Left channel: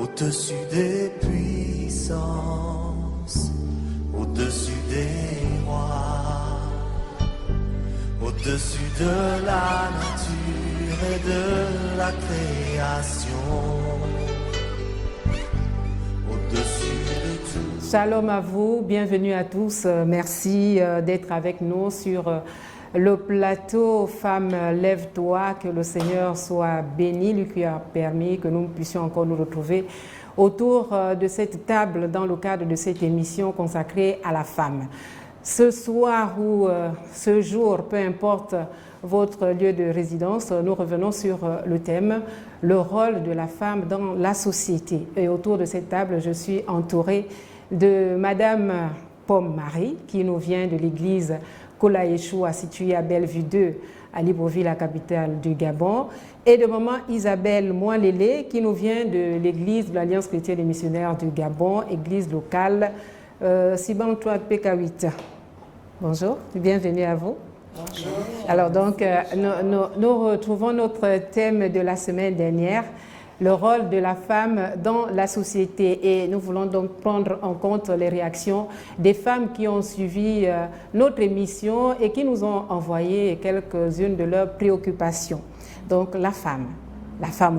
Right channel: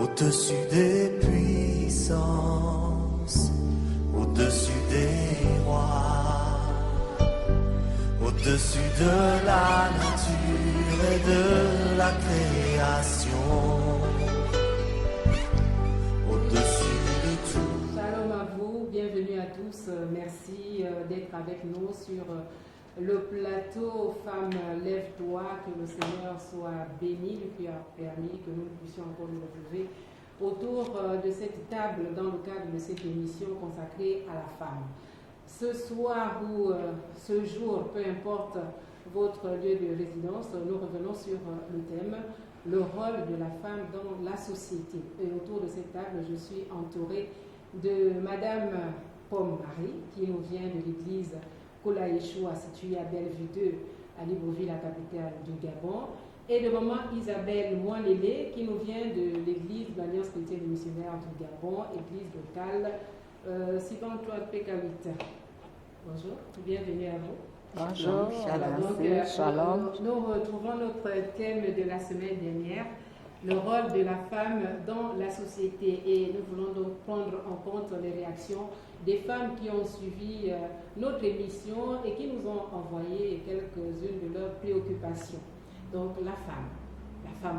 Au-dessus des puissances, au-dessus des rois, au-dessus de la nature et de la création, au-dessus de tout. Shalom à vous, bienvenue à tous. Merci d'être avec nous sur le plateau Femmes, lève-toi, que le Seigneur soit béni, lui qui a permis que nous puissions encore nous retrouver autour de cette table dans le cadre de cette émission consacrée à la femme. Ce soir ou ce jour, peu importe votre lieu de résidence, nous revenons sur le thème « Le rôle de la femme dans la société ». Et autour de cette table, je suis entourée de Madame Pomme Marie, qui nous vient de l'église Kola Yeshua, située à Bellevue 2, à Libreville, la capitale du Gabon, et de Maman Isabelle Moilélé, qui nous vient de l'église de l'Alliance chrétienne et missionnaire du Gabon, église locale Siban-Toi PK8. Bonjour, bienvenue à vous. Bonjour. Alors donc, nous retrouvons notre thème de la semaine dernière, le rôle de la femme dans la société. Et nous voulons donc prendre en compte les réactions des femmes qui ont suivi notre émission et qui nous ont envoyé quelques-unes de leurs préoccupations. Donc la femme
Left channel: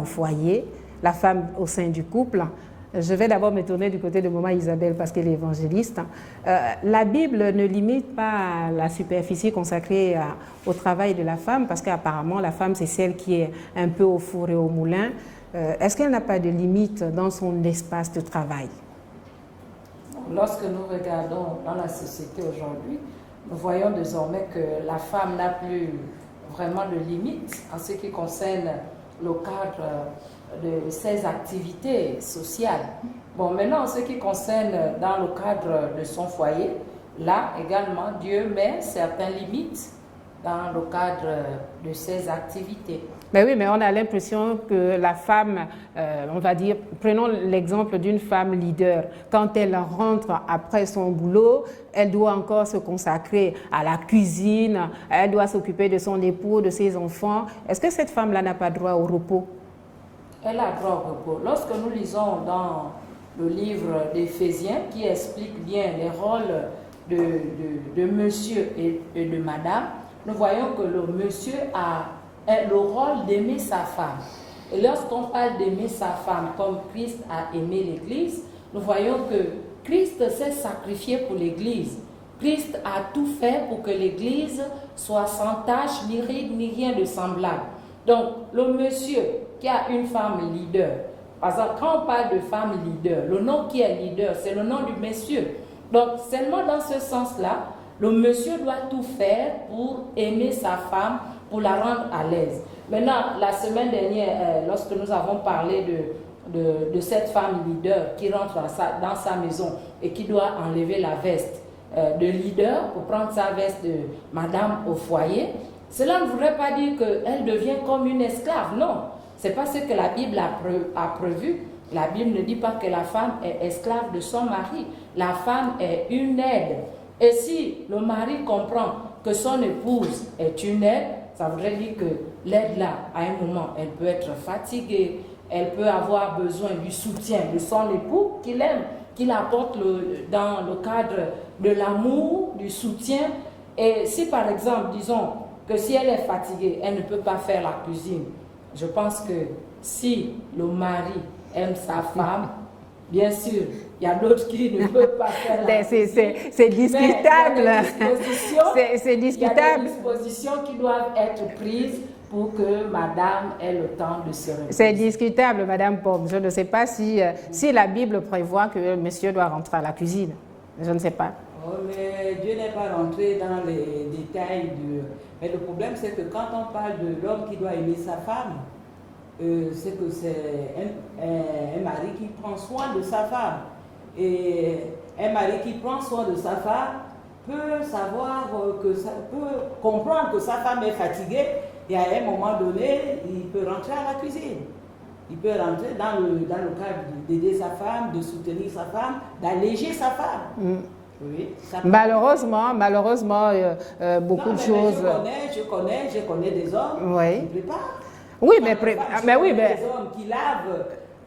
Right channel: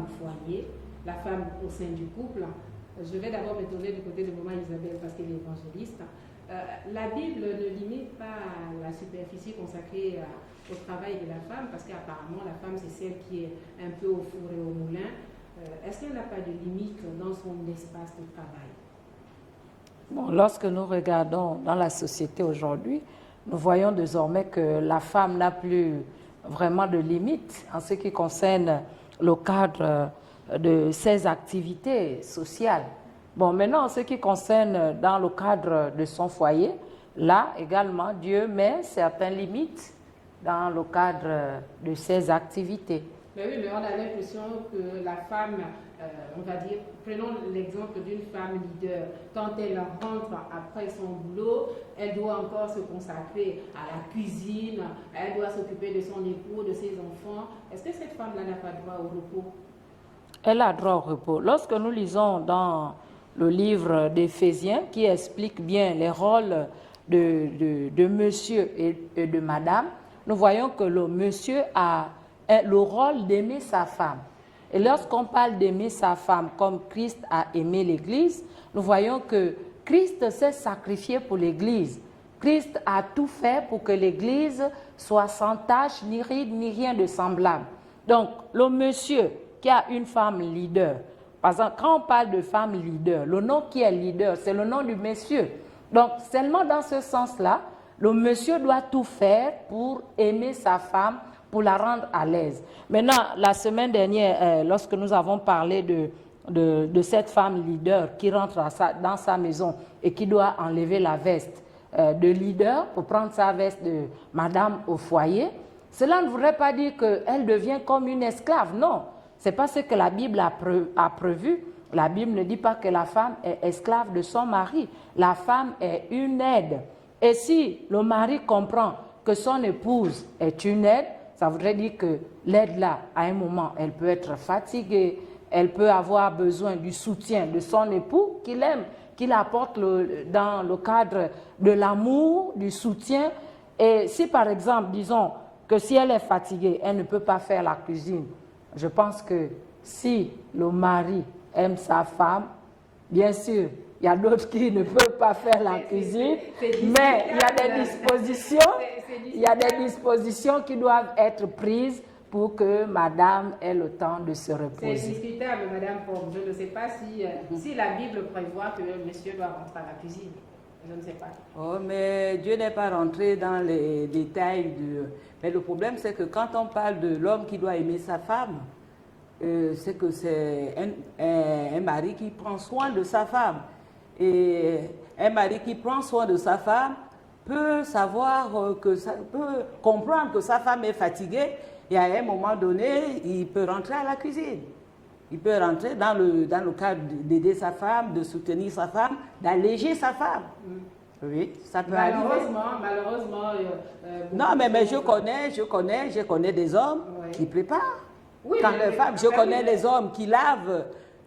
au foyer, la femme au sein du couple. Je vais d'abord me tourner du côté de Maman Isabelle parce qu'elle est évangéliste. La Bible ne limite pas la superficie consacrée au travail de la femme parce qu'apparemment la femme c'est celle qui est un peu au four et au moulin. Est-ce qu'elle n'a pas de limite dans son espace de travail? Bon, lorsque nous regardons dans la société aujourd'hui, nous voyons désormais que la femme n'a plus vraiment de limite en ce qui concerne le cadre de ses activités sociales. Bon, maintenant, en ce qui concerne dans le cadre de son foyer, là également, Dieu met certaines limites dans le cadre de ses activités. Ben oui, mais on a l'impression que la femme, on va dire, prenons l'exemple d'une femme leader. Quand elle rentre après son boulot, elle doit encore se consacrer à la cuisine, elle doit s'occuper de son époux, de ses enfants. Est-ce que cette femme-là n'a pas droit au repos? Elle a droit au repos. Lorsque nous lisons dans le livre d'Éphésiens, qui explique bien les rôles de monsieur et de madame, nous voyons que le monsieur a le rôle d'aimer sa femme. Et lorsqu'on parle d'aimer sa femme comme Christ a aimé l'Église, nous voyons que Christ s'est sacrifié pour l'Église. Christ a tout fait pour que l'Église soit sans tache, ni ride, ni rien de semblable. Donc, le monsieur qui a une femme leader, par exemple, quand on parle de femme leader, le nom qui est leader, c'est le nom du monsieur. Donc, seulement dans ce sens-là, le monsieur doit tout faire pour aimer sa femme, pour la rendre à l'aise. Maintenant, la semaine dernière, lorsque nous avons parlé de cette femme leader qui rentre dans sa maison et qui doit enlever la veste de leader pour prendre sa veste de madame au foyer, cela ne voudrait pas dire qu'elle devient comme une esclave. Non, c'est pas ce que la Bible a prévu. La Bible ne dit pas que la femme est esclave de son mari. La femme est une aide. Et si le mari comprend que son épouse est une aide, ça voudrait dire que l'aide-là, à un moment, elle peut être fatiguée, elle peut avoir besoin du soutien de son époux qu'il aime, qu'il apporte dans le cadre de l'amour, du soutien. Et si par exemple, disons que si elle est fatiguée, elle ne peut pas faire la cuisine, je pense que si le mari aime sa femme, bien sûr, il y a d'autres qui ne peuvent pas faire la cuisine. C'est discutable. Il y a des discutable. Il y a des dispositions qui doivent être prises pour que madame ait le temps de se reposer. C'est discutable, Madame Pomme. Je ne sais pas si la Bible prévoit que monsieur doit rentrer à la cuisine. Je ne sais pas. Oh, mais Dieu n'est pas rentré dans les détails. Mais le problème, c'est que quand on parle de l'homme qui doit aimer sa femme, c'est que c'est un mari qui prend soin de sa femme. Et un mari qui prend soin de sa femme peut savoir peut comprendre que sa femme est fatiguée et à un moment donné, il peut rentrer à la cuisine. Il peut rentrer dans le cadre d'aider sa femme, de soutenir sa femme, d'alléger sa femme. Oui, malheureusement, beaucoup de choses... Mais je connais des hommes qui préparent. Oui, des hommes qui lavent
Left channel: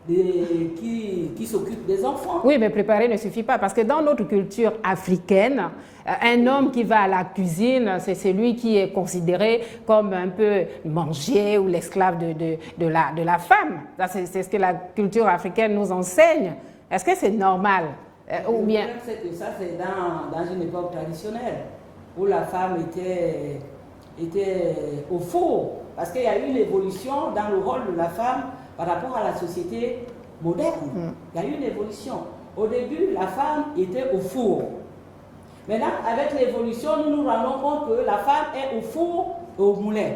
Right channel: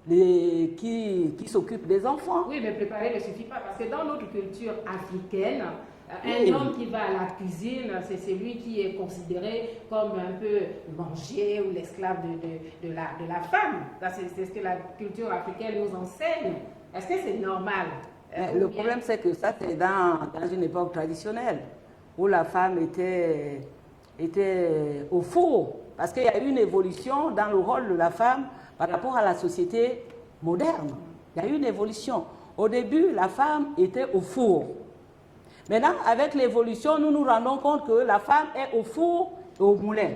qui s'occupe des enfants. Oui, mais préparer ne suffit pas parce que dans notre culture africaine, un homme qui va à la cuisine, c'est celui qui est considéré comme un peu manger ou l'esclave de la femme. C'est ce que la culture africaine nous enseigne. Est-ce que c'est normal? Le problème, c'est que ça, c'est dans une époque traditionnelle où la femme était au four. Parce qu'il y a eu une évolution dans le rôle de la femme par rapport à la société moderne. Il y a eu une évolution. Au début, la femme était au four. Maintenant, avec l'évolution, nous nous rendons compte que la femme est au four et au moulin.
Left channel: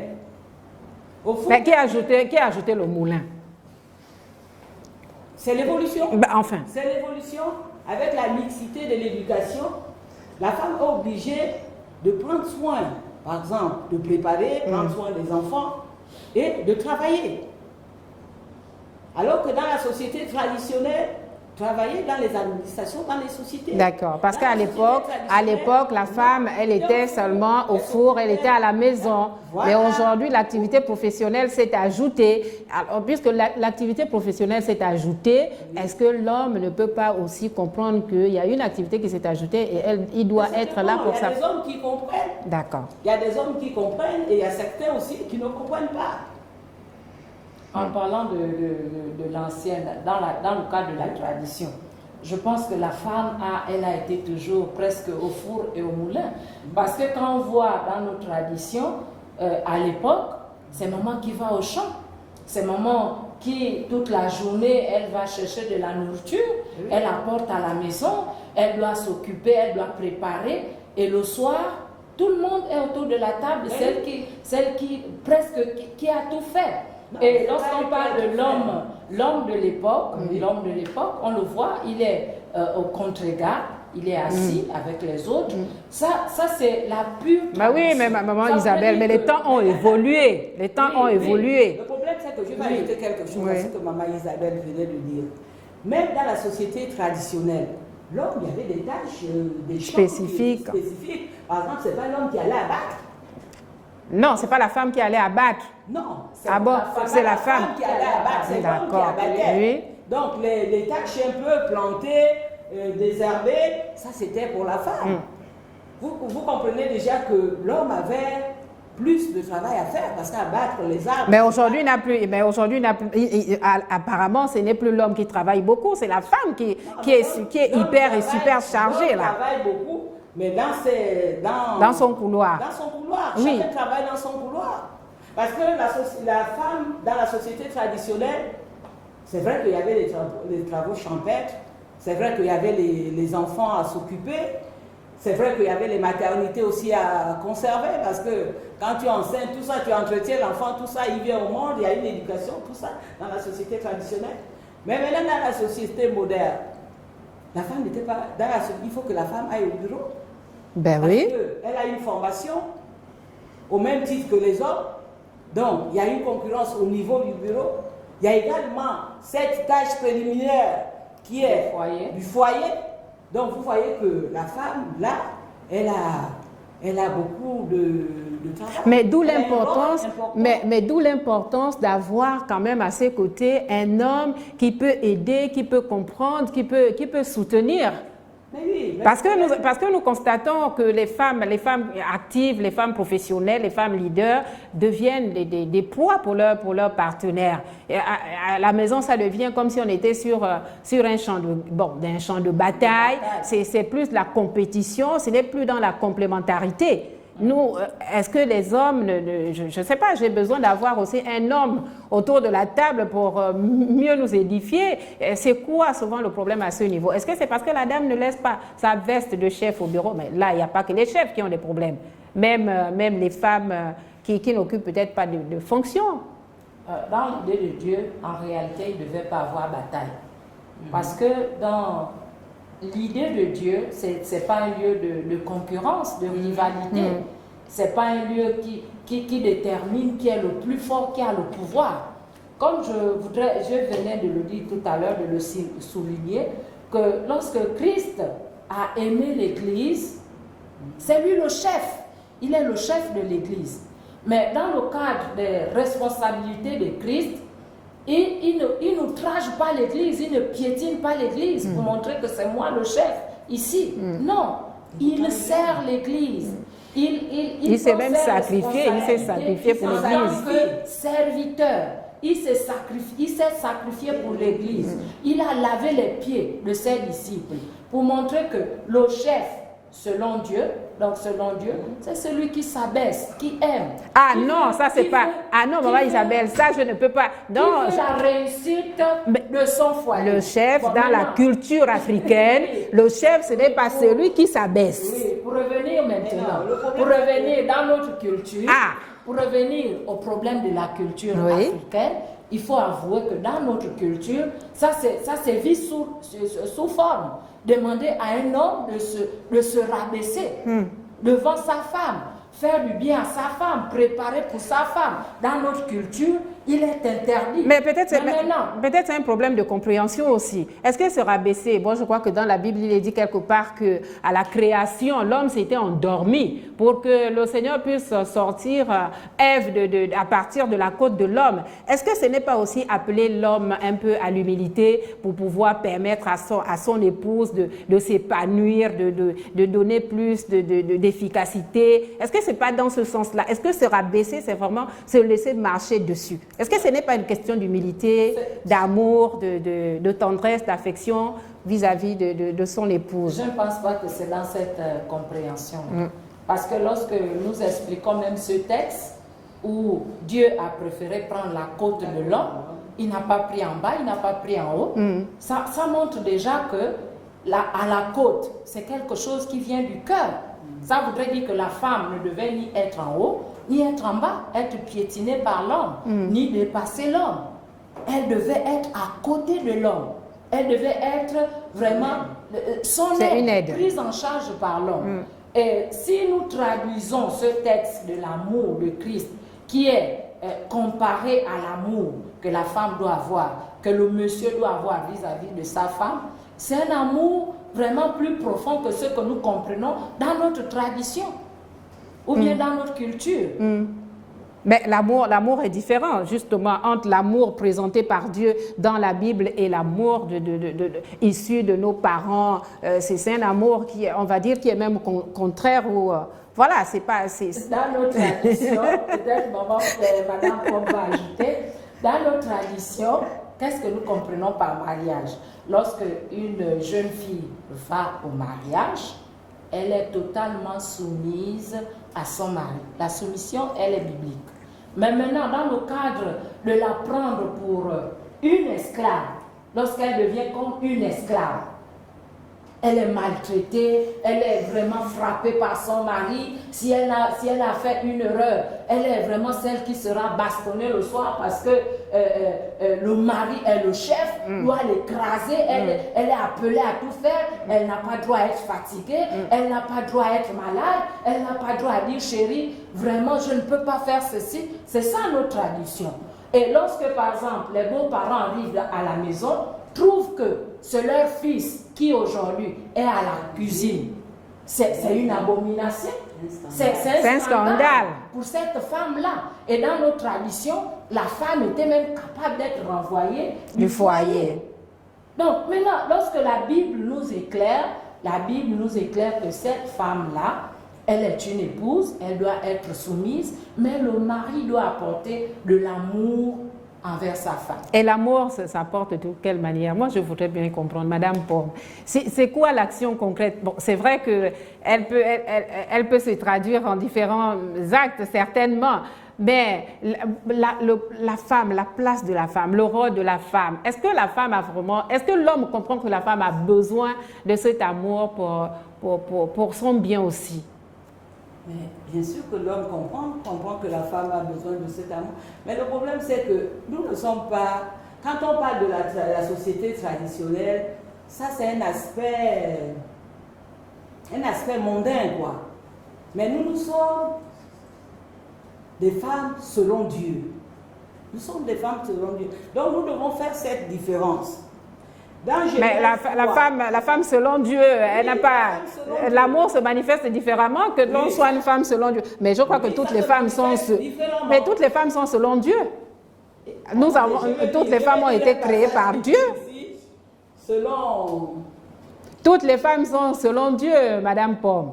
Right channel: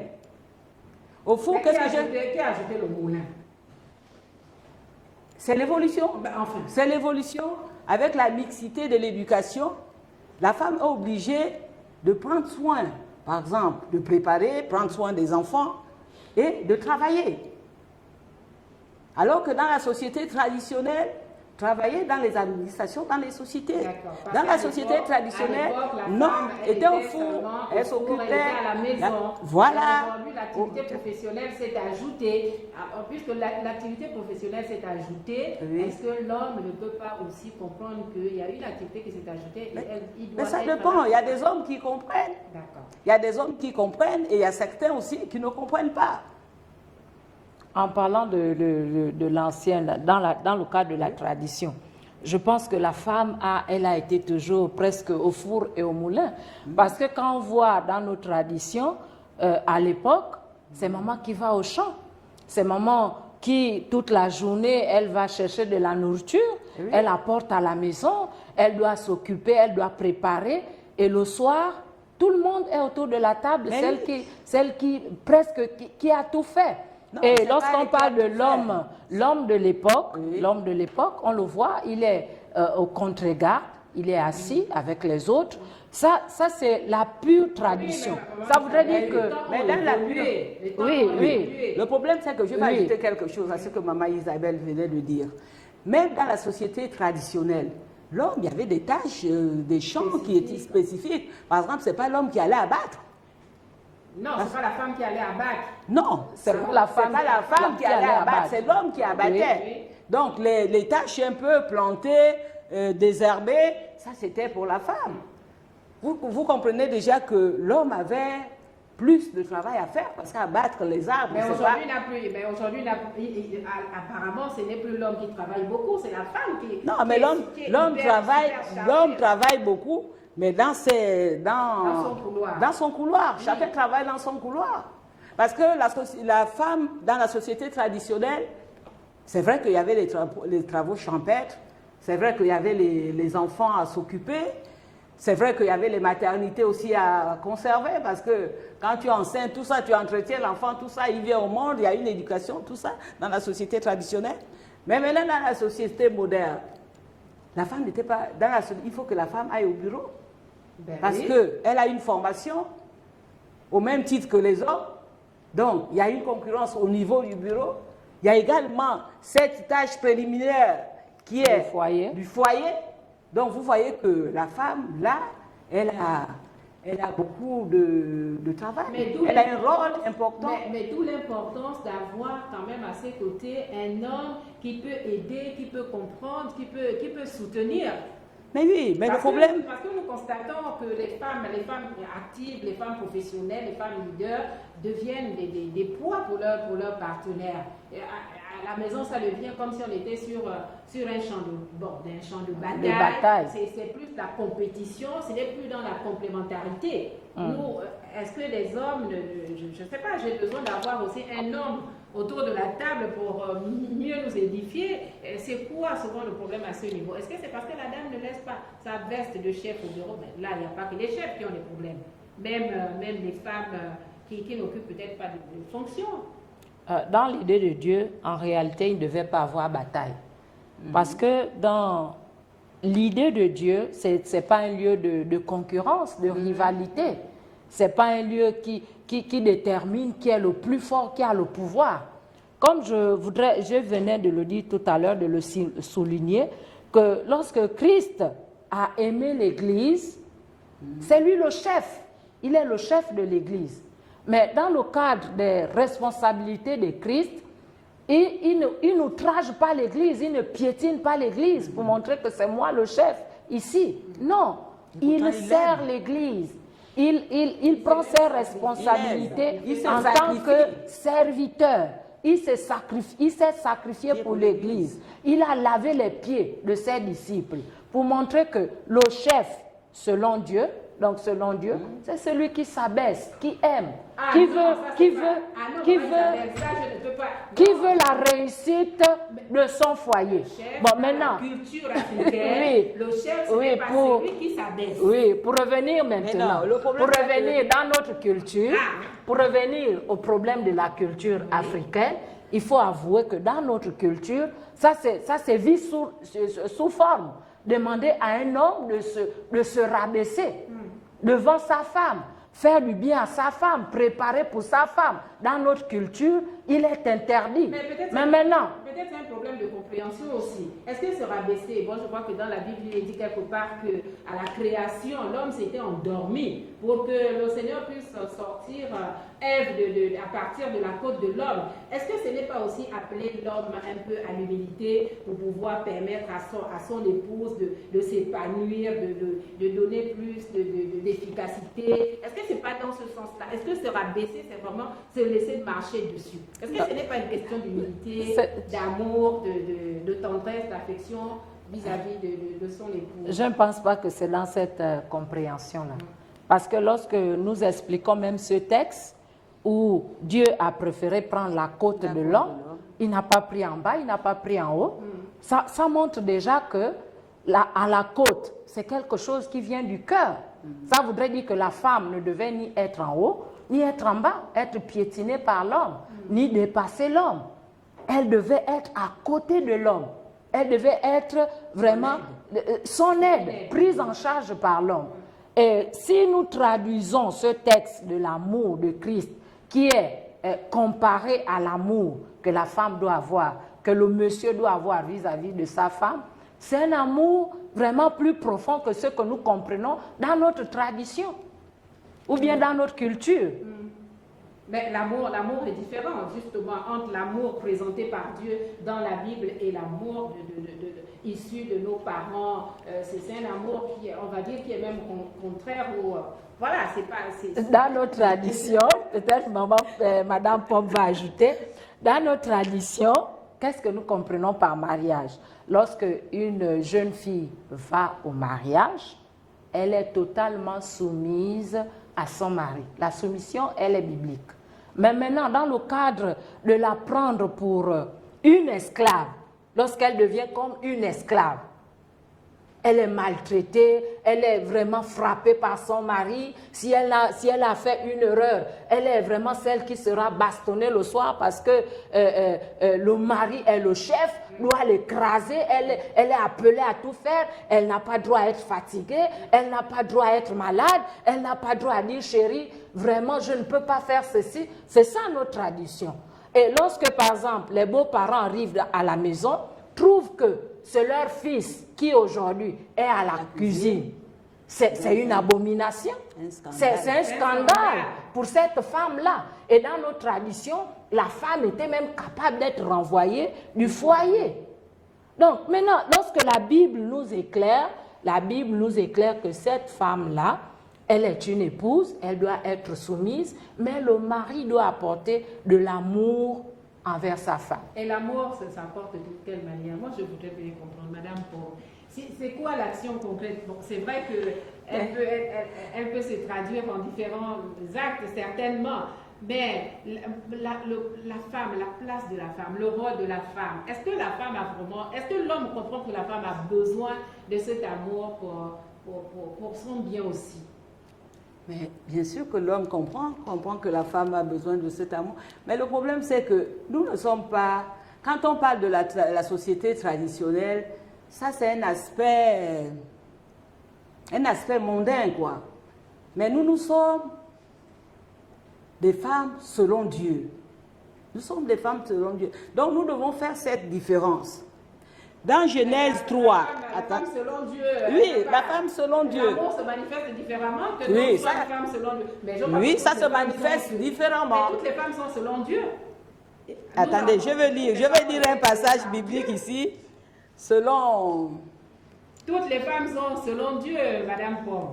Au four, mais qui a ajouté le moulin? C'est l'évolution. Ben, enfin. C'est l'évolution. Avec la mixité de l'éducation, la femme est obligée de prendre soin, par exemple, de préparer, prendre soin des enfants et de travailler. Alors que dans la société traditionnelle, travailler dans les administrations, dans les sociétés. D'accord, parce Dans qu'à la société l'époque, la femme, elle était seulement au four, elle était à la maison. Voilà. Et aujourd'hui, l'activité professionnelle s'est ajoutée. Alors, puisque l'activité professionnelle s'est ajoutée, est-ce que l'homme ne peut pas aussi comprendre qu'il y a une activité qui s'est ajoutée et il doit être là pour ça? Il y a des hommes qui comprennent. D'accord. Il y a des hommes qui comprennent et il y a certains aussi qui ne comprennent pas. En parlant de l'ancienne, dans le cadre de la tradition, je pense que la femme, elle a été toujours presque au four et au moulin. Parce que quand on voit dans nos traditions, à l'époque, c'est maman qui va au champ. C'est maman qui, toute la journée, elle va chercher de la nourriture, elle apporte à la maison, elle doit s'occuper, elle doit préparer. Et le soir, tout le monde est autour de la table, celle qui a tout fait. Non, et lorsqu'on parle de l'homme de l'époque, on le voit, il est au contre-garde, il est assis avec les autres. Ça c'est la pure tradition. Oui, mais maman Isabelle, mais les temps ont évolué. Les temps ont évolué. Le problème, c'est que je vais ajouter quelque chose à ce que maman Isabelle venait de dire. Même dans la société traditionnelle, l'homme, il y avait des tâches, des champs spécifiques. Par exemple, ce n'est pas l'homme qui allait abattre. Non, ce n'est pas la femme qui allait abattre. Non, c'est la femme qui allait abattre, c'est l'homme qui abattait. Oui. Donc les tâches un peu plantées, désherbées, ça c'était pour la femme. Vous comprenez déjà que l'homme avait plus de travail à faire parce qu'abattre les arbres. Mais aujourd'hui, apparemment, ce n'est plus l'homme qui travaille beaucoup, c'est la femme qui est hyper et super chargée. L'homme travaille beaucoup, mais dans son couloir. Dans son couloir. Oui. Chacun travaille dans son couloir. Parce que la femme, dans la société traditionnelle, c'est vrai qu'il y avait les travaux champêtres, c'est vrai qu'il y avait les enfants à s'occuper, c'est vrai qu'il y avait les maternités aussi à conserver, parce que quand tu enseignes tout ça, tu entretiens l'enfant, tout ça, il vient au monde, il y a une éducation, tout ça, dans la société traditionnelle. Mais maintenant, dans la société moderne, la femme n'était pas... il faut que la femme aille au bureau. Ben parce oui. qu'elle a une formation au même titre que les hommes. Donc, il y a une concurrence au niveau du bureau. Il y a également cette tâche préliminaire qui est du foyer. Donc, vous voyez que la femme, là, elle a beaucoup de travail. Mais d'où l'importance d'avoir quand même à ses côtés un homme qui peut aider, qui peut comprendre, qui peut soutenir. Mais oui, parce que nous constatons que les femmes actives, les femmes professionnelles, les femmes leaders deviennent des poids pour leurs partenaires. Et à la maison, ça devient comme si on était sur un champ de bataille. C'est plus la compétition, ce n'est plus dans la complémentarité. Nous, est-ce que les hommes, je ne sais pas, j'ai besoin d'avoir aussi un homme autour de la table pour mieux nous édifier. C'est quoi souvent le problème à ce niveau? Est-ce que c'est parce que la dame ne laisse pas sa veste de chef au bureau? Mais là, il n'y a pas que les chefs qui ont des problèmes. Même les femmes qui n'occupent peut-être pas de fonction. Dans l'idée de Dieu, en réalité, il ne devait pas avoir bataille. Parce que dans l'idée de Dieu, ce n'est pas un lieu de concurrence, de rivalité. Ce n'est pas un lieu qui détermine qui est le plus fort, qui a le pouvoir. Comme je venais de le dire tout à l'heure, de le souligner, que lorsque Christ a aimé l'Église, c'est lui le chef. Il est le chef de l'Église. Mais dans le cadre des responsabilités de Christ, il n'outrage pas l'Église, il ne piétine pas l'Église pour montrer que c'est moi le chef ici. Non, il sert l'Église. Il s'est prend même ses sacrifié, il s'est sacrifié pour en l'Église. tant que serviteur. Il s'est sacrifié pour l'Église. Il a lavé les pieds de ses disciples pour montrer que le chef, selon Dieu, donc selon Dieu, c'est celui qui s'abaisse, qui aime. Ah qui non, veut- ça c'est qui pas... veut- Ah non, qui maman veut- Isabelle, ça je ne peux pas... Qui Non, veut la réussite de son foyer. le chef, Bon, dans la maintenant, culture africaine, Oui. le chef, ce n'est Oui, pas pour- celui qui s'abaisse. Oui, pour revenir maintenant, le pour problème, revenir dans notre culture, Ah. pour revenir au problème de la culture Oui. africaine, il faut avouer que dans notre culture, ça c'est vu sous forme. Demander à un homme de se rabaisser devant sa femme, faire du bien à sa femme, préparer pour sa femme. Dans notre culture, il est interdit. Mais peut-être maintenant, c'est un problème de compréhension aussi. Est-ce que se rabaisser, bon, je crois que dans la Bible, il est dit quelque part que à la création, l'homme s'était endormi pour que le Seigneur puisse sortir Ève à partir de la côte de l'homme. Est-ce que ce n'est pas aussi appeler l'homme un peu à l'humilité pour pouvoir permettre à son épouse de s'épanouir, de donner plus d'efficacité? Est-ce que ce n'est pas dans ce sens-là? Est-ce que se rabaisser, c'est vraiment se laisser marcher dessus? Est-ce que ce n'est pas une question d'humilité, d'amour, de tendresse, d'affection vis-à-vis de son épouse? je ne pense pas que c'est dans cette compréhension. Parce que lorsque nous expliquons même ce texte où Dieu a préféré prendre la côte de l'homme, il n'a pas pris en bas, il n'a pas pris en haut, ça montre déjà que à la côte, c'est quelque chose qui vient du cœur. Ça voudrait dire que la femme ne devait ni être en haut, ni être en bas, être piétinée par l'homme, ni dépasser l'homme. Elle devait être à côté de l'homme. Elle devait être vraiment son C'est une aide, aide. prise en charge par l'homme. Et si nous traduisons ce texte de l'amour de Christ, qui est comparé à l'amour que la femme doit avoir, que le monsieur doit avoir vis-à-vis de sa femme, c'est un amour vraiment plus profond que ce que nous comprenons dans notre tradition ou bien dans notre culture. Mais l'amour est différent, justement, entre l'amour présenté par Dieu dans la Bible et l'amour issu de nos parents. C'est un amour qui, on va dire, qui est même contraire au... voilà, c'est pas... Dans nos traditions, peut-être Madame Pombe va ajouter, dans nos traditions, qu'est-ce que nous comprenons par mariage? Lorsque une jeune fille va au mariage, elle est totalement soumise à son mari. La soumission, elle est biblique. Mais maintenant, dans le cadre de la prendre pour une esclave, lorsqu'elle devient comme une esclave, elle est maltraitée, elle est vraiment frappée par son mari. Si elle a fait une erreur, elle est vraiment celle qui sera bastonnée le soir parce que le mari est le chef, doit l'écraser, elle est appelée à tout faire, elle n'a pas droit à être fatiguée, elle n'a pas droit à être malade, elle n'a pas droit à dire chérie, vraiment je ne peux pas faire ceci. C'est ça notre tradition. Et lorsque par exemple les beaux-parents arrivent à la maison, trouvent que c'est leur fils qui aujourd'hui est à la cuisine, c'est une abomination. C'est un scandale pour cette femme-là. Et dans nos traditions, la femme était même capable d'être renvoyée du foyer. Donc maintenant, lorsque la Bible nous éclaire que cette femme-là, elle est une épouse, elle doit être soumise, mais le mari doit apporter de l'amour envers sa femme. Et l'amour, ça s'apporte de quelle manière? Moi, je voudrais bien comprendre, Madame Pombe. C'est quoi l'action concrète? Bon, c'est vrai qu'elle peut se traduire en différents actes, certainement, mais la femme, la place de la femme, le rôle de la femme, est-ce que la femme a vraiment... Est-ce que l'homme comprend que la femme a besoin de cet amour pour son bien aussi? Mais bien sûr que l'homme comprend que la femme a besoin de cet amour. Mais le problème, c'est que nous ne sommes pas... Quand on parle de la société traditionnelle, ça c'est un aspect mondain, quoi. Mais nous sommes des femmes selon Dieu. Nous sommes des femmes selon Dieu. Donc nous devons faire cette différence. Dans Genèse 3, la femme selon Dieu, elle n'a pas... L'amour se manifeste différemment que l'on soit une femme selon Dieu. Mais je crois que toutes les femmes sont... Mais toutes les femmes sont selon Dieu. Attendez, je veux toutes dire, les femmes ont été un créées passage par biblique Dieu. ici, selon... Toutes les femmes sont selon Dieu, Madame Pomme.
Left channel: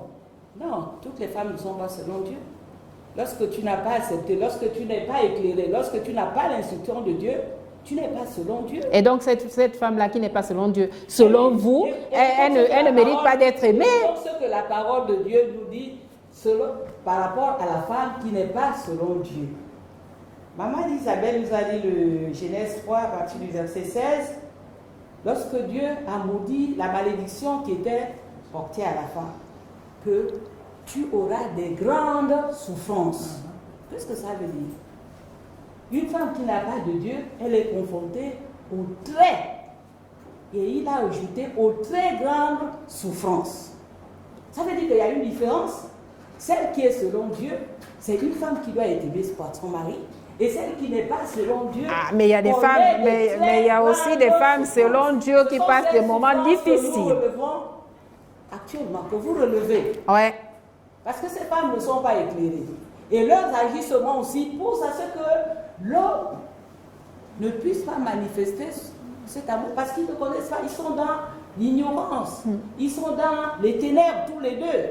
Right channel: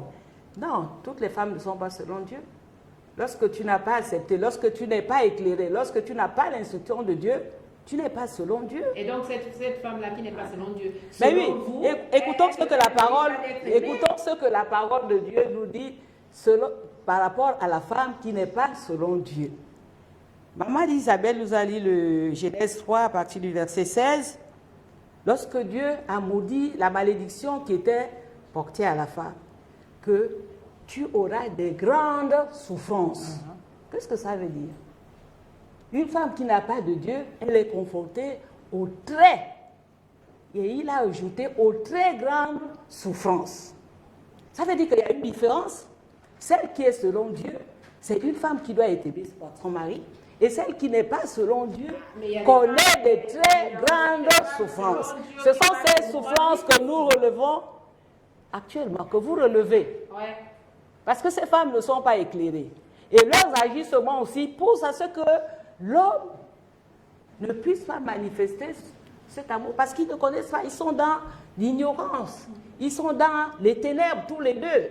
Non, toutes les femmes ne sont pas selon Dieu. Lorsque tu n'as pas accepté, lorsque tu n'es pas éclairé, lorsque tu n'as pas l'instruction de Dieu, tu n'es pas selon Dieu. Et donc cette femme-là qui n'est pas selon Dieu, selon oui, vous, écoutons elle ne mérite pas d'être aimée. Écoutons ce que la parole de Dieu nous dit par rapport à la femme qui n'est pas selon Dieu. Maman Isabelle nous a lu le Genèse 3 à partir du verset 16. Lorsque Dieu a maudit la malédiction qui était portée à la femme, que tu auras des grandes souffrances. Qu'est-ce que ça veut dire? Une femme qui n'a pas de Dieu, elle est confrontée aux très, et il a ajouté aux très grandes souffrances. Ça veut dire qu'il y a une différence. Celle qui est selon Dieu, c'est une femme qui doit être aimée par son mari. Et celle qui n'est pas selon Dieu. Ah, mais il y a des femmes, mais il y a aussi des femmes selon Dieu qui passent des moments difficiles. Que nous relevons actuellement, que vous relevez. Ouais. Parce que ces femmes ne sont pas éclairées. Et leurs agissements aussi poussent à ce que l'homme ne puisse pas manifester cet amour. Parce qu'ils ne connaissent pas, ils sont dans l'ignorance. Ils sont dans les ténèbres tous les deux.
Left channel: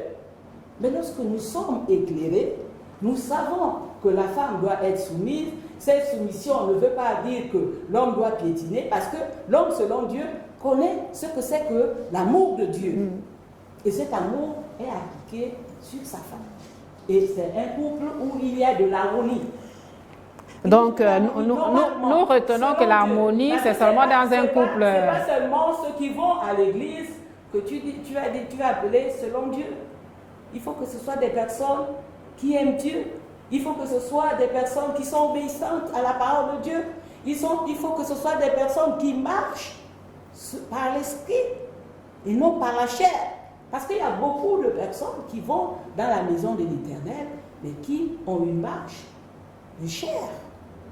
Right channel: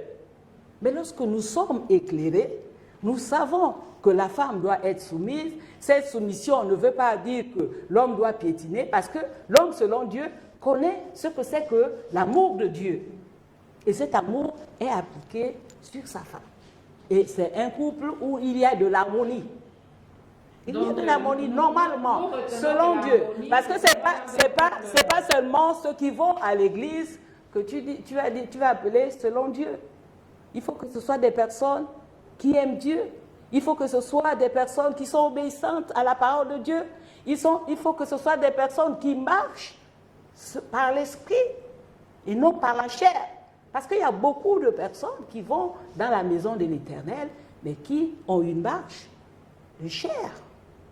Mais lorsque nous sommes éclairés, nous savons que la femme doit être soumise. Cette soumission ne veut pas dire que l'homme doit piétiner, parce que l'homme, selon Dieu, connaît ce que c'est que l'amour de Dieu. Et cet amour est appliqué sur sa femme. Et c'est un couple où il y a de l'harmonie. Donc, nous retenons que l'harmonie, c'est seulement dans un couple. Ce n'est pas seulement ceux qui vont à l'église que tu as appelé selon Dieu. Il faut que ce soit des personnes qui aiment Dieu. Il faut que ce soit des personnes qui sont obéissantes à la parole de Dieu. Il faut que ce soit des personnes qui marchent par l'esprit et non par la chair. Parce qu'il y a beaucoup de personnes qui vont dans la maison de l'Éternel, mais qui ont une marche de chair.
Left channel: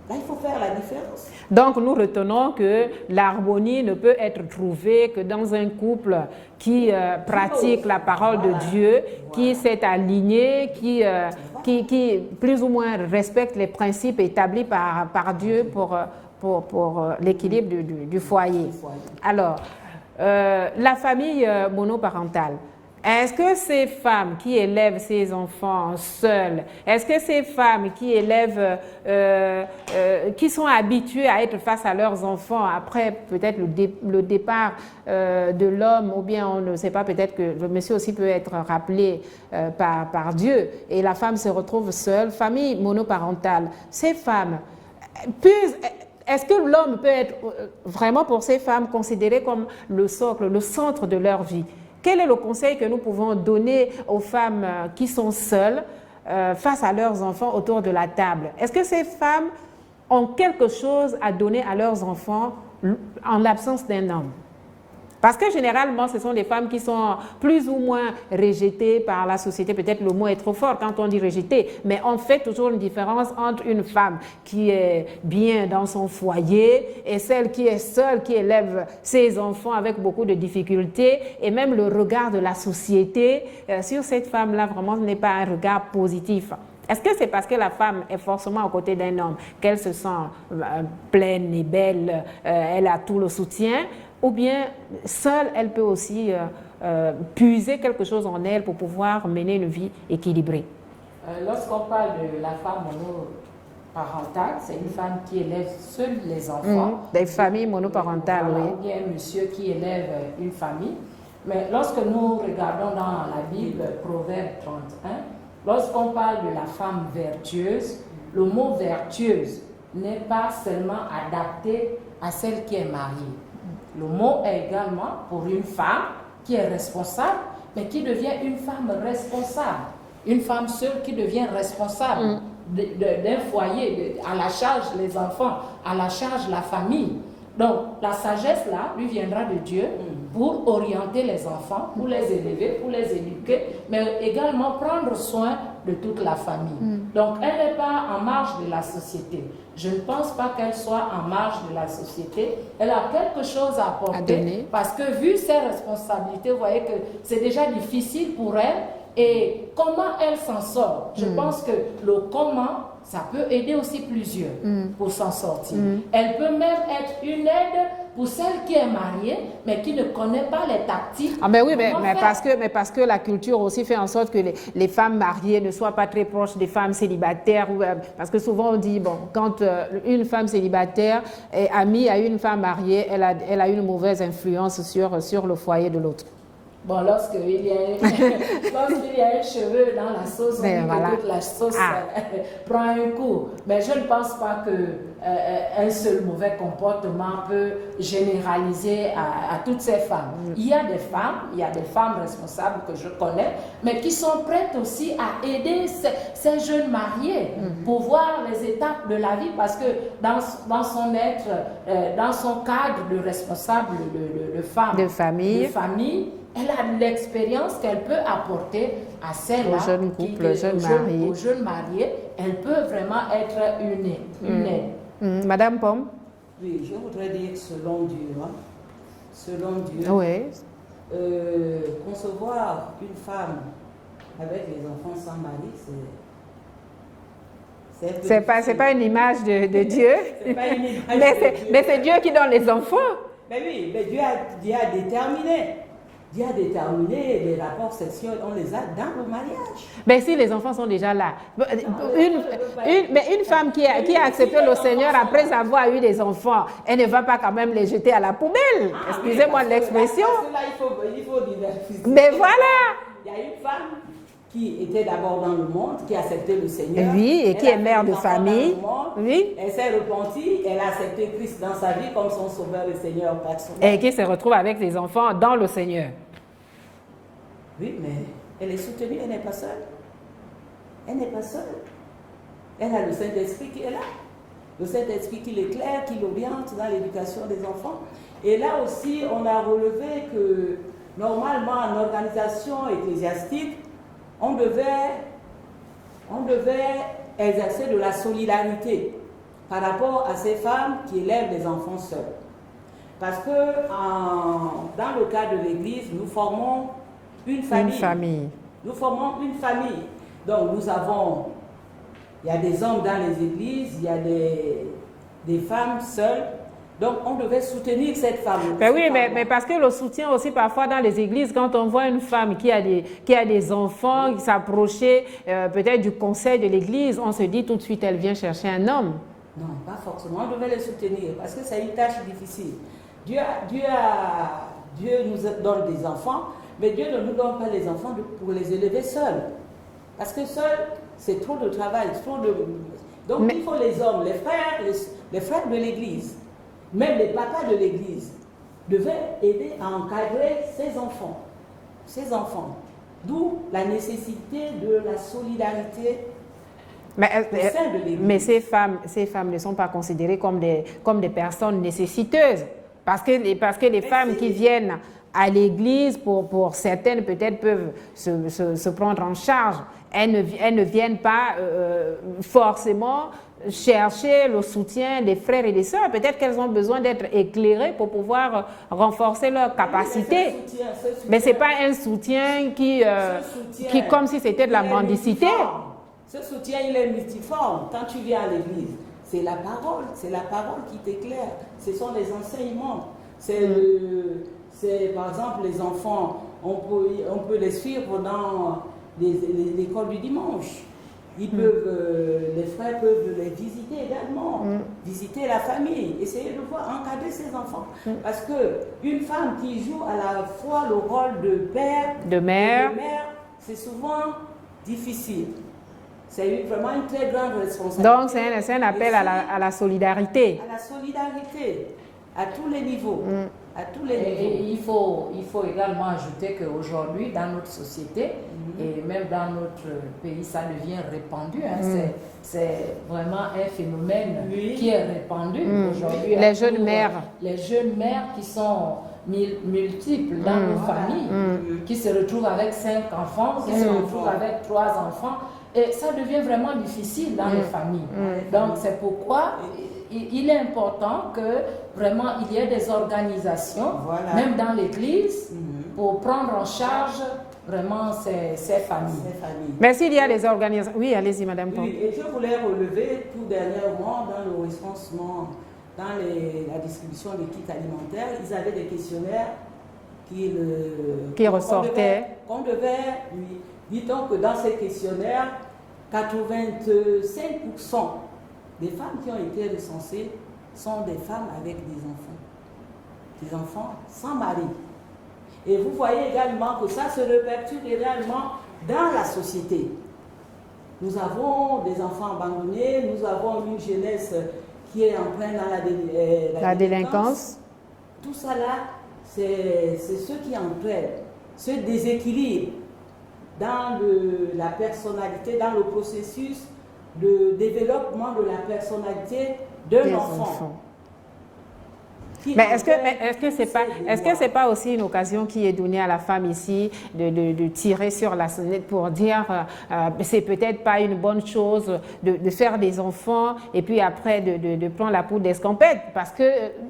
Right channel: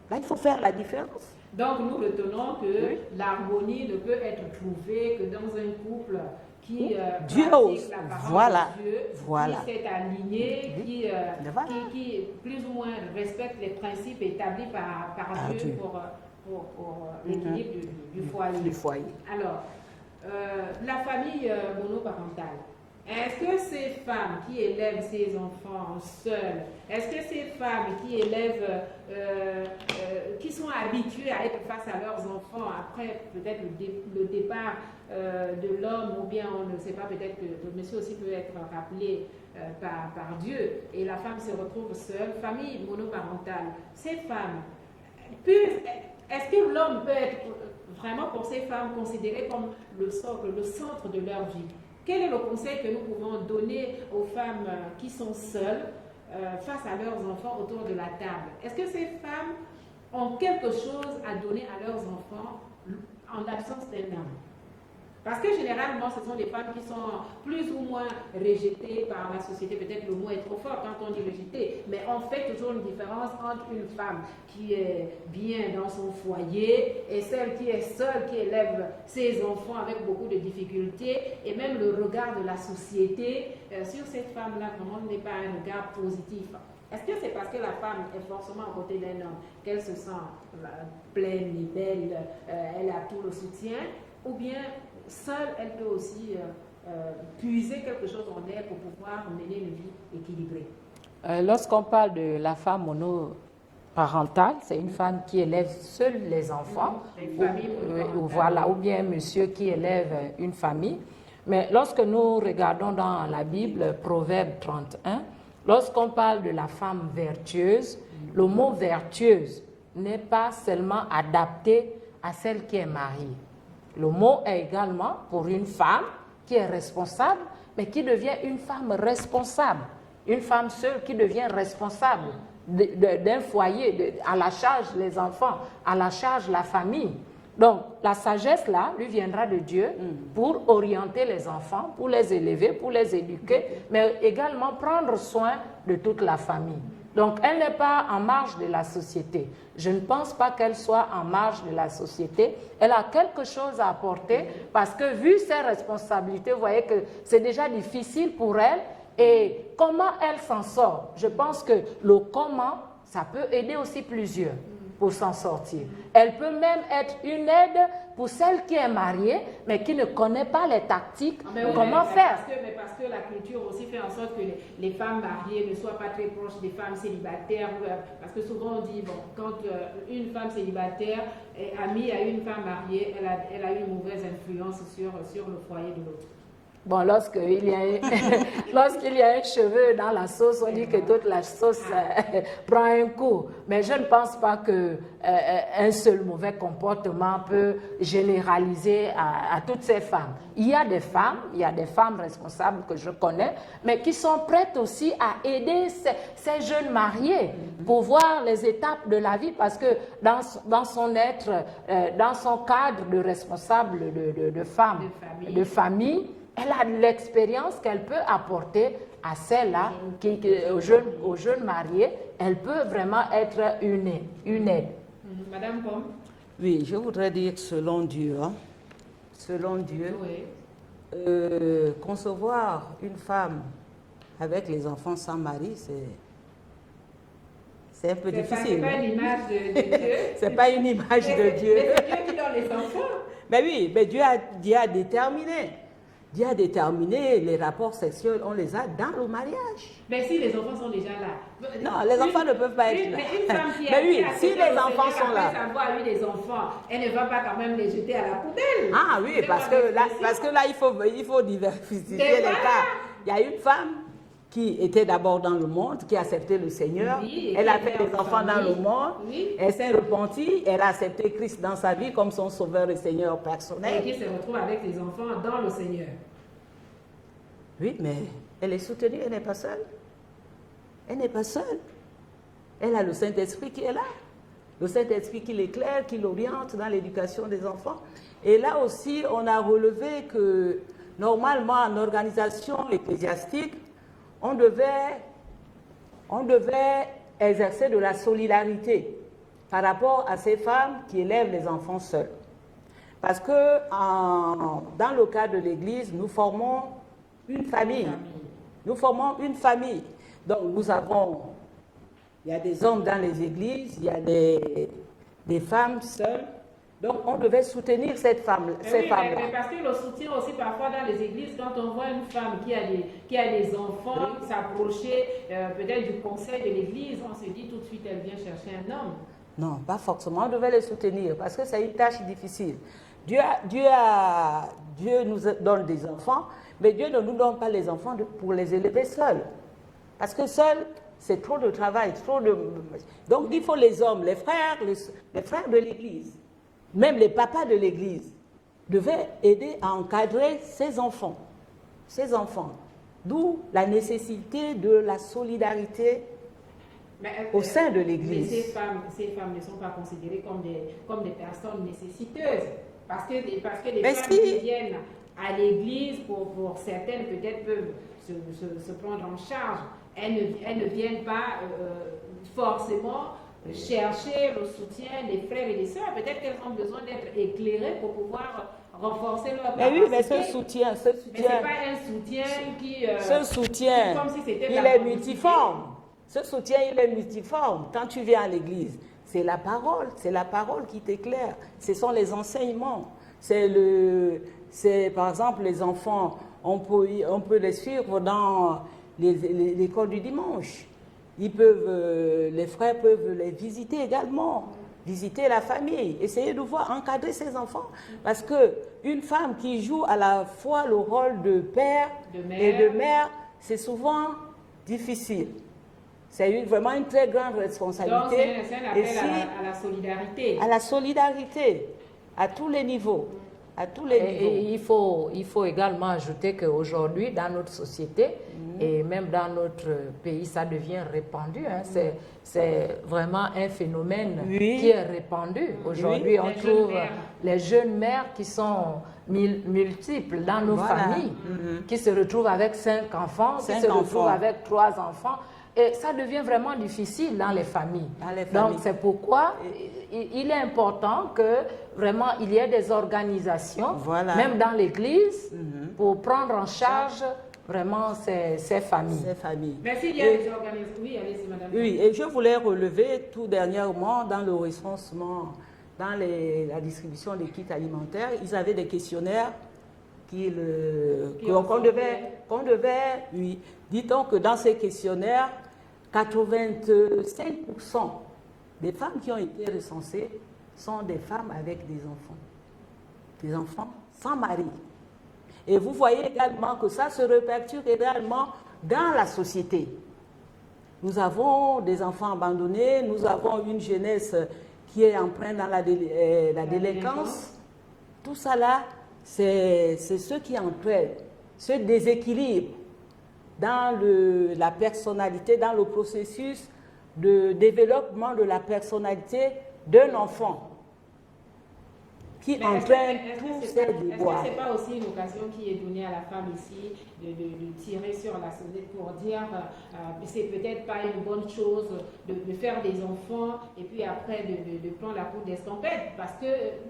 Là, il faut faire la différence. Donc, nous retenons que l'harmonie ne peut être trouvée que dans un couple qui pratique la parole de Dieu, qui s'est aligné, qui plus ou moins respecte les principes établis par Dieu pour l'équilibre du foyer. Alors, la famille monoparentale. Est-ce que ces femmes qui élèvent ces enfants seules, est-ce que ces femmes qui élèvent, qui sont habituées à être face à leurs enfants après peut-être le départ de l'homme, ou bien on ne sait pas, peut-être que le monsieur aussi peut être rappelé par Dieu et la femme se retrouve seule, famille monoparentale, ces femmes, est-ce que l'homme peut être vraiment pour ces femmes considéré comme le socle, le centre de leur vie? Quel est le conseil que nous pouvons donner aux femmes qui sont seules face à leurs enfants autour de la table? Est-ce que ces femmes ont quelque chose à donner à leurs enfants en l'absence d'un homme? Parce que généralement, ce sont des femmes qui sont plus ou moins rejetées par la société. Peut-être le mot est trop fort quand on dit rejetée, mais on fait toujours une différence entre une femme qui est bien dans son foyer et celle qui est seule, qui élève ses enfants avec beaucoup de difficultés, et même le regard de la société sur cette femme-là vraiment n'est pas un regard positif. Est-ce que c'est parce que la femme est forcément aux côtés d'un homme qu'elle se sent pleine et belle, elle a tout le soutien? Ou bien, seule, elle peut aussi puiser quelque chose en elle pour pouvoir mener une vie équilibrée. Lorsqu'on parle de la femme monoparentale, c'est une femme qui élève seule les enfants. Des familles monoparentales. Voilà, ou bien un monsieur qui élève une famille. Mais lorsque nous regardons dans la Bible, Proverbe 31, lorsqu'on parle de la femme vertueuse, le mot vertueuse n'est pas seulement adapté à celle qui est mariée. Le mot est également pour une femme qui est responsable, mais qui devient une femme responsable. Une femme seule qui devient responsable d'un foyer, à la charge les enfants, à la charge la famille. Donc, la sagesse là lui viendra de Dieu pour orienter les enfants, pour les élever, pour les éduquer, mais également prendre soin de toute la famille. Donc, elle n'est pas en marge de la société. Je ne pense pas qu'elle soit en marge de la société. Elle a quelque chose à apporter parce que vu ses responsabilités, vous voyez que c'est déjà difficile pour elle. Et comment elle s'en sort? Je pense que le comment, ça peut aider aussi plusieurs pour s'en sortir. Elle peut même être une aide pour celle qui est mariée, mais qui ne connaît pas les tactiques. Ah mais oui, mais faire. parce que la culture aussi fait en sorte que les femmes mariées ne soient pas très proches des femmes célibataires. Parce que souvent on dit, bon, quand une femme célibataire est amie à une femme mariée, elle a une mauvaise influence sur le foyer de l'autre. Bon, lorsqu'il y a un cheveu dans la sauce, on dit que toute la sauce prend un coup. Mais je ne pense pas qu'un seul mauvais comportement peut généraliser à toutes ces femmes. Il y a des femmes responsables que je connais, mais qui sont prêtes aussi à aider ces jeunes mariés pour voir les étapes de la vie, parce que dans son être, dans son cadre de responsable de femme, de famille, elle a l'expérience qu'elle peut apporter à celles-là, aux jeunes mariés. Elle peut vraiment être une aide. Madame Pomme? Oui, je voudrais dire selon Dieu. Oui. Concevoir une femme avec les enfants sans mari, c'est un peu difficile. C'est pas une image de Dieu. C'est pas une image de Dieu. Mais c'est Dieu qui donne les enfants. Mais oui, mais Dieu a déterminé. Dieu a déterminé les rapports sexuels, on les a dans le mariage. Mais si les enfants sont déjà là. Non, les enfants ne peuvent pas être... Mais une femme qui a accepté le Seigneur après avoir eu des enfants, elle ne va pas quand même les jeter à la poubelle. Excusez-moi de l'expression. Parce que là, il faut diversifier. Mais voilà. Il y a une femme qui était d'abord dans le monde, qui a accepté le Seigneur. Oui, et qui est mère de famille. Oui. Elle s'est repentie, elle a accepté Christ dans sa vie comme son sauveur et Seigneur personnel. Et qui se retrouve avec ses enfants dans le Seigneur. Oui, mais elle est soutenue, elle n'est pas seule. Elle n'est pas seule. Elle a le Saint-Esprit qui est là. Le Saint-Esprit qui l'éclaire, qui l'oriente dans l'éducation des enfants. Et là aussi, on a relevé que normalement, en organisation ecclésiastique, on devait exercer de la solidarité par rapport à ces femmes qui élèvent les enfants seuls. Parce que dans le cas de l'Église, nous formons une famille. Nous formons une famille. Donc il y a des hommes dans les églises, il y a des femmes seules. Donc, on devait soutenir cette femme. Mais parce que le soutien aussi, parfois dans les églises, quand on voit une femme qui a des enfants, qui s'approcher peut-être du conseil de l'église, on se dit tout de suite, elle vient chercher un homme. Non, pas forcément. On devait les soutenir parce que c'est une tâche difficile. Dieu nous donne des enfants, mais Dieu ne nous donne pas les enfants pour les élever seuls. Parce que seuls, c'est trop de travail, Donc, il faut les hommes, les frères de l'église. Même les papas de l'église devaient aider à encadrer ces enfants. D'où la nécessité de la solidarité au sein de l'église. Mais ces femmes ne sont pas considérées comme des personnes nécessiteuses. Parce que les femmes qui viennent à l'église, pour certaines peut-être peuvent se prendre en charge. Elles ne viennent pas forcément chercher le soutien des frères et des sœurs. Peut-être qu'elles ont besoin d'être éclairées pour pouvoir renforcer leur capacité. Mais ce n'est pas un soutien qui comme si c'était de la mendicité. Ce soutien, il est multiforme. Quand tu viens à l'église, c'est la parole qui t'éclaire. Ce sont les enseignements. Par exemple, les enfants, on peut les suivre dans l'école du dimanche. Les frères peuvent les visiter également, visiter la famille, essayer de encadrer ses enfants. Parce qu'une femme qui joue à la fois le rôle de père de mère, c'est souvent difficile. C'est vraiment une très grande responsabilité. Donc c'est un appel à la solidarité. À la solidarité, à tous les niveaux. Et il faut également ajouter qu'aujourd'hui, dans notre société, et même dans notre pays, ça devient répandu. C'est vraiment un phénomène qui est répandu aujourd'hui. Les jeunes mères. Les jeunes mères qui sont multiples dans nos familles, qui se retrouvent avec 5 enfants, qui se retrouvent avec 3 enfants. Et ça devient vraiment difficile dans les familles. Donc c'est pourquoi il est important que vraiment il y ait des organisations, même dans l'église, pour prendre en charge vraiment ces familles. Ces familles. Mais s'il y a les organisations... Oui, allez-y, Madame. Oui, et je voulais relever tout dernièrement dans le recensement, dans la distribution des kits alimentaires, ils avaient des questionnaires qui ressortaient. Qu'on devait lui. Dit-on que dans ces questionnaires, 85% des femmes qui ont été recensées sont des femmes avec des enfants sans mari. Et vous voyez également que ça se répercute également dans la société. Nous avons des enfants abandonnés, nous avons une jeunesse qui est en plein dans la délinquance. Tout ça là, c'est ce qui entraîne ce déséquilibre dans la personnalité, dans le processus de développement de la personnalité de l'enfant. Mais est-ce que c'est pas aussi une occasion qui est donnée à la femme ici de tirer sur la sonnette pour dire c'est peut-être pas une bonne chose de faire des enfants et puis après de prendre la poudre d'escampette, parce que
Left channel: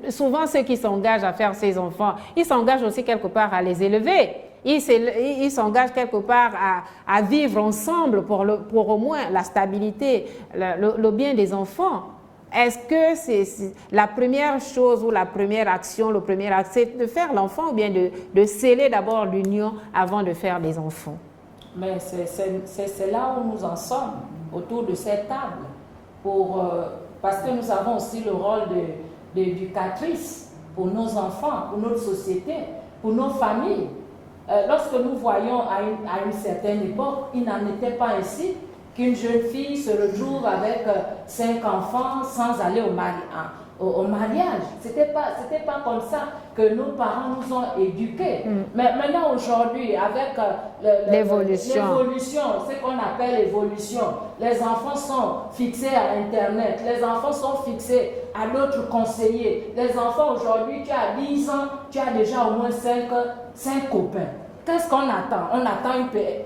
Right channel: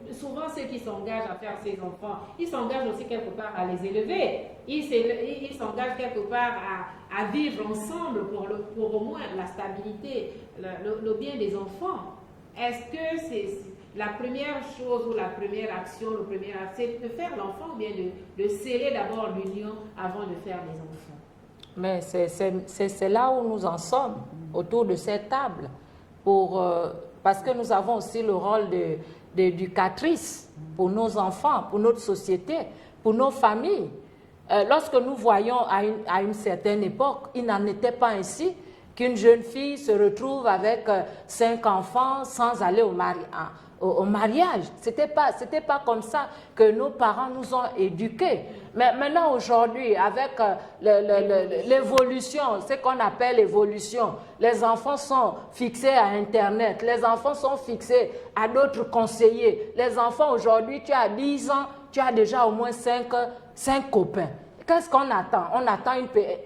souvent ceux qui s'engagent à faire ces enfants, ils s'engagent aussi quelque part à les élever. Ils s'engagent quelque part à vivre ensemble pour au moins la stabilité, le bien des enfants. Est-ce que c'est la première chose ou la première action, le premier acte, c'est de faire l'enfant ou bien de sceller d'abord l'union avant de faire des enfants? Mais c'est là où nous en sommes, autour de cette table, parce que nous avons aussi le rôle d'éducatrice pour nos enfants, pour notre société, pour nos familles. Lorsque nous voyons à une certaine époque, il n'en était pas ainsi, qu'une jeune fille se retrouve avec 5 enfants sans aller au mariage. C'était pas comme ça que nos parents nous ont éduqués. Mais maintenant, aujourd'hui, avec l'évolution, ce qu'on appelle l'évolution, les enfants sont fixés à Internet, les enfants sont fixés à d'autres conseillers. Les enfants, aujourd'hui, tu as 10 ans, tu as déjà au moins 5 copains. Qu'est-ce qu'on attend? On attend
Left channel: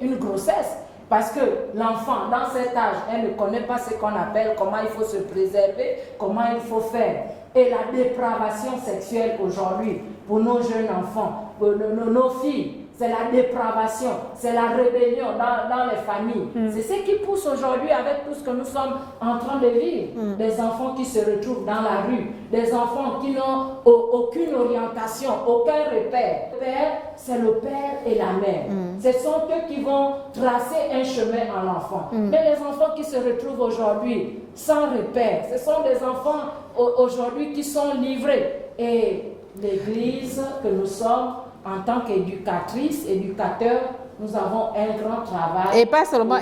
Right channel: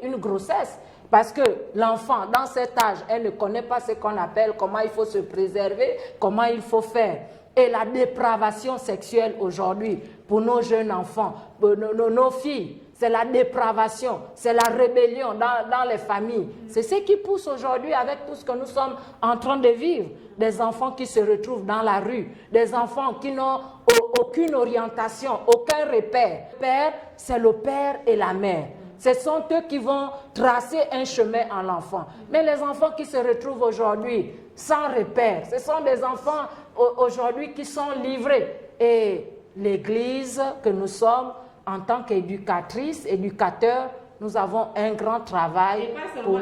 une grossesse. Parce que l'enfant, dans cet âge, elle ne connaît pas ce qu'on appelle comment il faut se préserver, comment il faut faire. Et la dépravation sexuelle aujourd'hui, pour nos jeunes enfants, pour nos filles, c'est la dépravation, c'est la rébellion dans les familles. C'est ce qui pousse aujourd'hui avec tout ce que nous sommes en train de vivre. Des enfants qui se retrouvent dans la rue, des enfants qui n'ont aucune orientation, aucun repère. Le père, c'est le père et la mère. Ce sont eux qui vont tracer un chemin en enfant. Mais les enfants qui se retrouvent aujourd'hui sans repère, ce sont des enfants aujourd'hui qui sont livrés. Et l'Église que nous sommes, en tant qu'éducatrice, éducateur, nous avons un grand travail. Et pas seulement,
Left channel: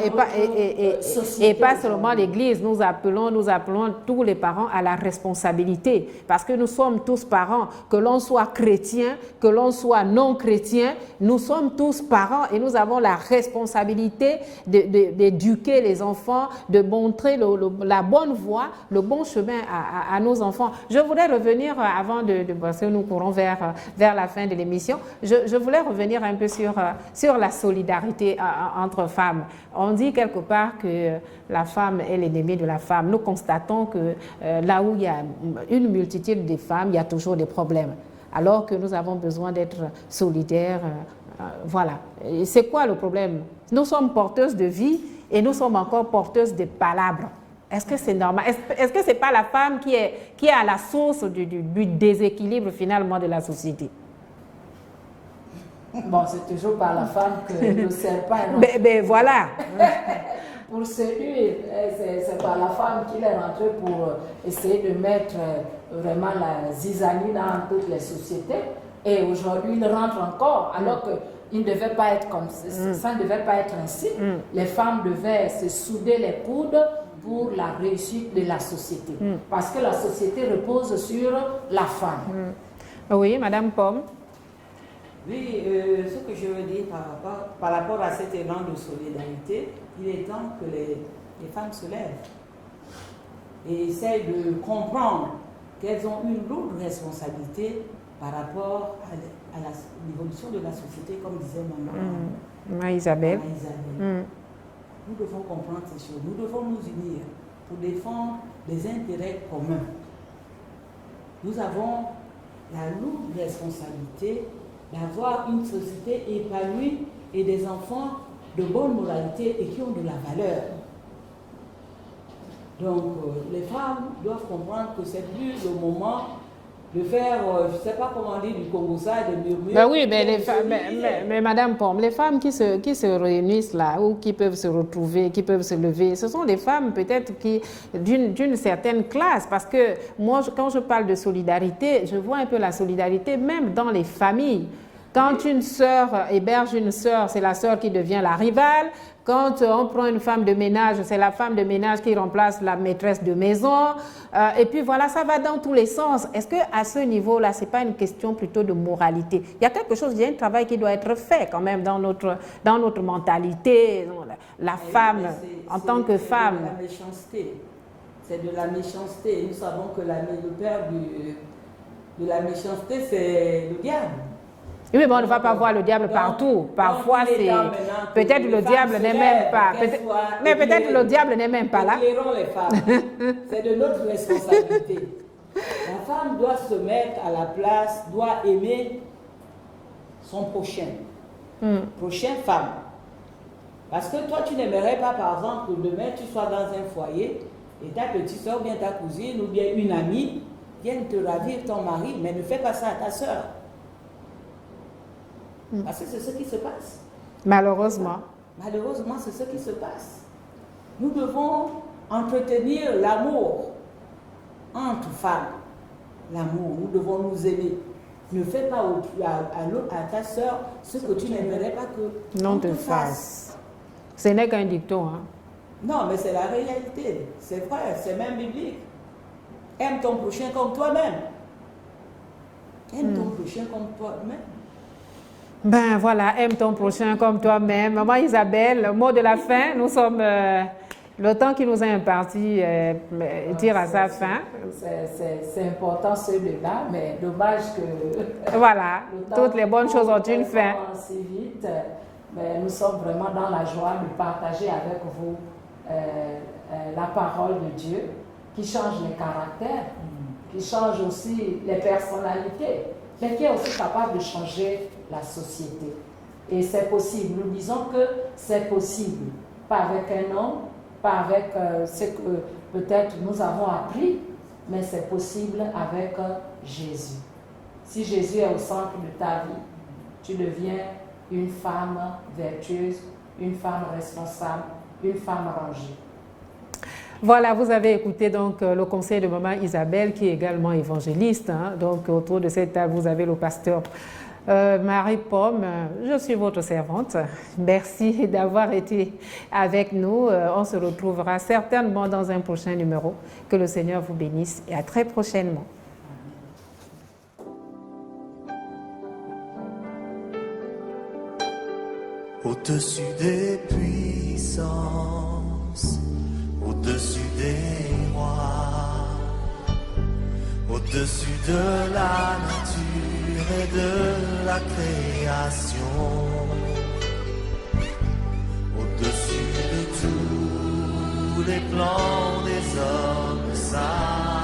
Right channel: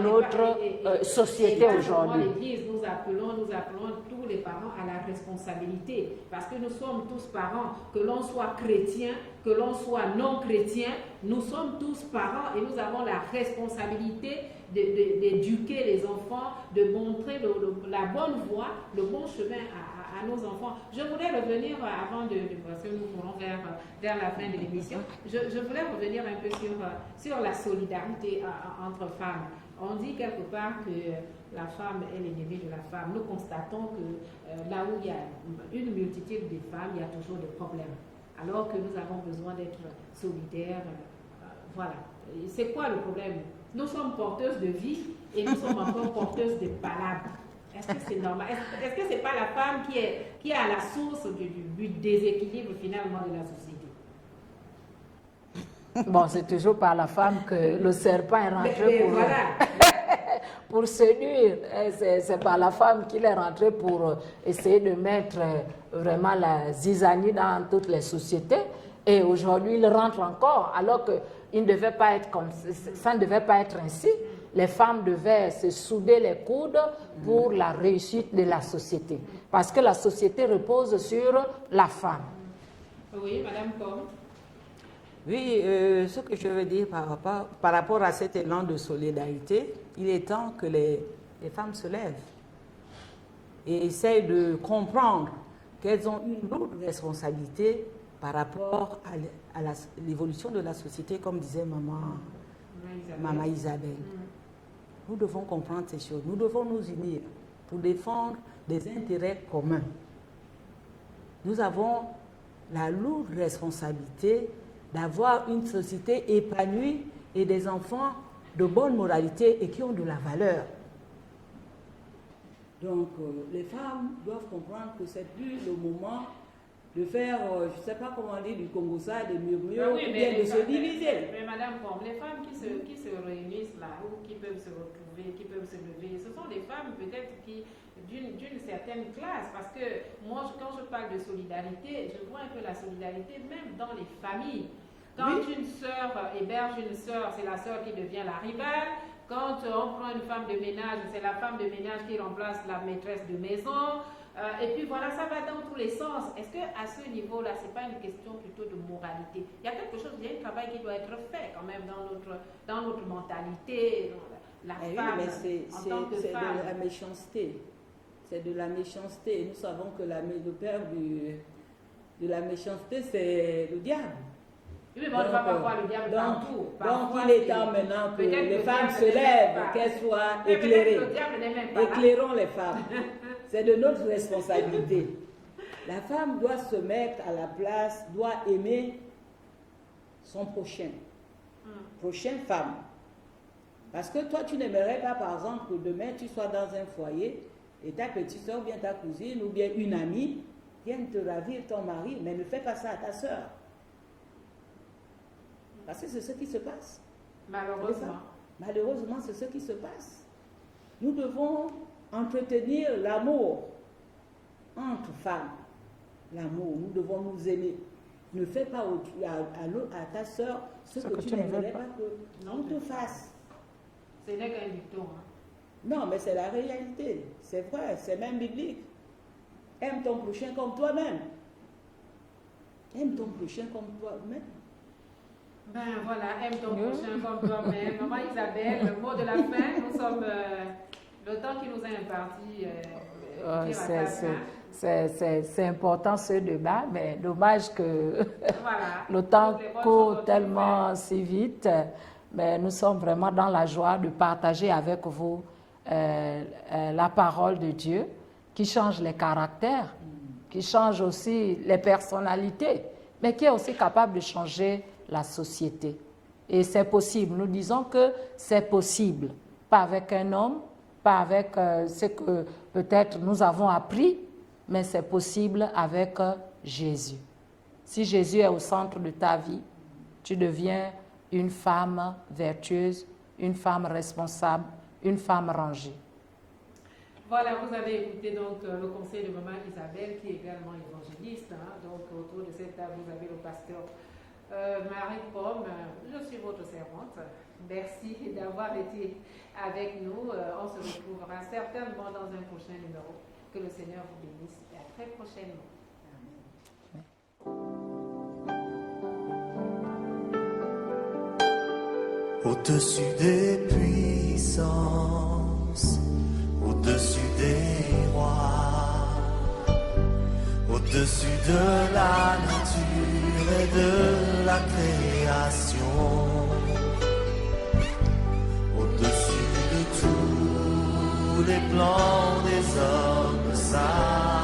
seulement l'Église, nous appelons tous les parents à la responsabilité, parce que nous sommes tous parents, que l'on soit chrétien, que l'on soit non chrétien, nous sommes tous parents et nous avons la responsabilité d'éduquer les enfants, de montrer la bonne voie, le bon chemin à nos enfants. Je voudrais revenir, parce que nous courons vers la fin de l'émission, je voulais revenir un peu sur la solidarité entre femmes. On dit quelque part que la femme est l'ennemi de la femme. Nous constatons que là où il y a une multitude de femmes, il y a toujours des problèmes. Alors que nous avons besoin d'être solidaires. Voilà. C'est quoi le problème? Nous sommes porteuses de vie et nous sommes encore porteuses de palabres. Est-ce que c'est normal? Est-ce que ce n'est pas la femme qui est à la source du déséquilibre finalement de la société? Bon, c'est toujours par la femme que le serpent est rentré. Mais voilà. Pour séduire, c'est par la femme qu'il est rentré pour essayer de mettre vraiment la zizanie dans toutes les sociétés. Et aujourd'hui, il rentre encore, alors qu'il ne devait pas être comme ça, ça ne devait pas être ainsi. Les femmes devaient se souder les coudes pour la réussite de la société. Parce que la société repose sur la femme. Oui, Madame Pomme. Oui, ce que je veux dire par rapport à cet élan de solidarité, il est temps que les femmes se lèvent et essayent de comprendre qu'elles ont une lourde responsabilité par rapport à l'évolution de la société, comme disait maman Isabelle. Nous devons comprendre ces choses, nous devons nous unir pour défendre des intérêts communs. Nous avons la lourde responsabilité d'avoir une société épanouie et des enfants de bonne moralité et qui ont de la valeur. Donc, les femmes doivent comprendre que c'est plus le moment de faire, je ne sais pas comment dire, du Congo ça, des murmures. Ben oui, mais, mais Madame Pomme, les femmes qui se réunissent là, ou qui peuvent se retrouver, qui peuvent se lever, ce sont des femmes peut-être qui d'une certaine classe. Parce que moi, quand je parle de solidarité, je vois un peu la solidarité même dans les familles. Quand une sœur héberge une sœur, c'est la sœur qui devient la rivale. Quand on prend une femme de ménage, c'est la femme de ménage qui remplace la maîtresse de maison. Et puis voilà, ça va dans tous les sens. Est-ce qu'à ce niveau-là, ce n'est pas une question plutôt de moralité? Il y a quelque chose, il y a un travail qui doit être fait quand même dans notre mentalité. La femme, en tant que femme. C'est de la méchanceté. C'est de la méchanceté. Nous savons que le père de la méchanceté, c'est le diable. Oui, mais on ne va pas voir le diable partout. Parfois, c'est peut-être le diable n'est même pas. Mais peut-être le diable n'est même pas là. Éclairons les femmes. C'est de notre responsabilité. La femme doit se mettre à la place, doit aimer son prochain. Prochaine femme. Parce que toi, tu n'aimerais pas, par exemple, que demain, tu sois dans un foyer et ta petite soeur ou bien ta cousine ou bien une amie vienne te ravir ton mari, mais ne fais pas ça à ta soeur. Parce que c'est ce qui se passe. Malheureusement. Malheureusement, c'est ce qui se passe. Nous devons entretenir l'amour entre femmes. L'amour, nous devons nous aimer. Ne fais pas à ta soeur ce que tu n'aimerais pas que non te fasse. Ce n'est qu'un dicton. Hein? Non, mais c'est la réalité. C'est vrai, c'est même biblique. Aime ton prochain comme toi-même. Aime ton prochain comme toi-même. Ben voilà, aime ton prochain comme toi-même. Maman Isabelle, le mot de la fin, nous sommes... le temps qui nous est imparti tire à sa fin. C'est important ce débat, mais dommage que... Voilà, toutes les bonnes choses ont une fin. Si vite, mais nous sommes vraiment dans la joie de partager avec vous la parole de Dieu qui change les caractères, qui change aussi les personnalités, mais qui est aussi capable de changer la société. Et c'est possible. Nous disons que c'est possible. Pas avec un homme, pas avec ce que peut-être nous avons appris, mais c'est possible avec Jésus. Si Jésus est au centre de ta vie, tu deviens une femme vertueuse, une femme responsable, une femme rangée. Voilà, vous avez écouté donc le conseil de maman Isabelle, qui est également évangéliste. Hein. Donc autour de cette table, vous avez le pasteur Marie Pomme. Je suis votre servante. Merci d'avoir été avec nous. On se retrouvera certainement dans un prochain numéro. Que le Seigneur vous bénisse et à très prochainement. Au-dessus des puissances, au-dessus des rois, au-dessus de la nature et de la création, au-dessus de tous les plans des hommes saints.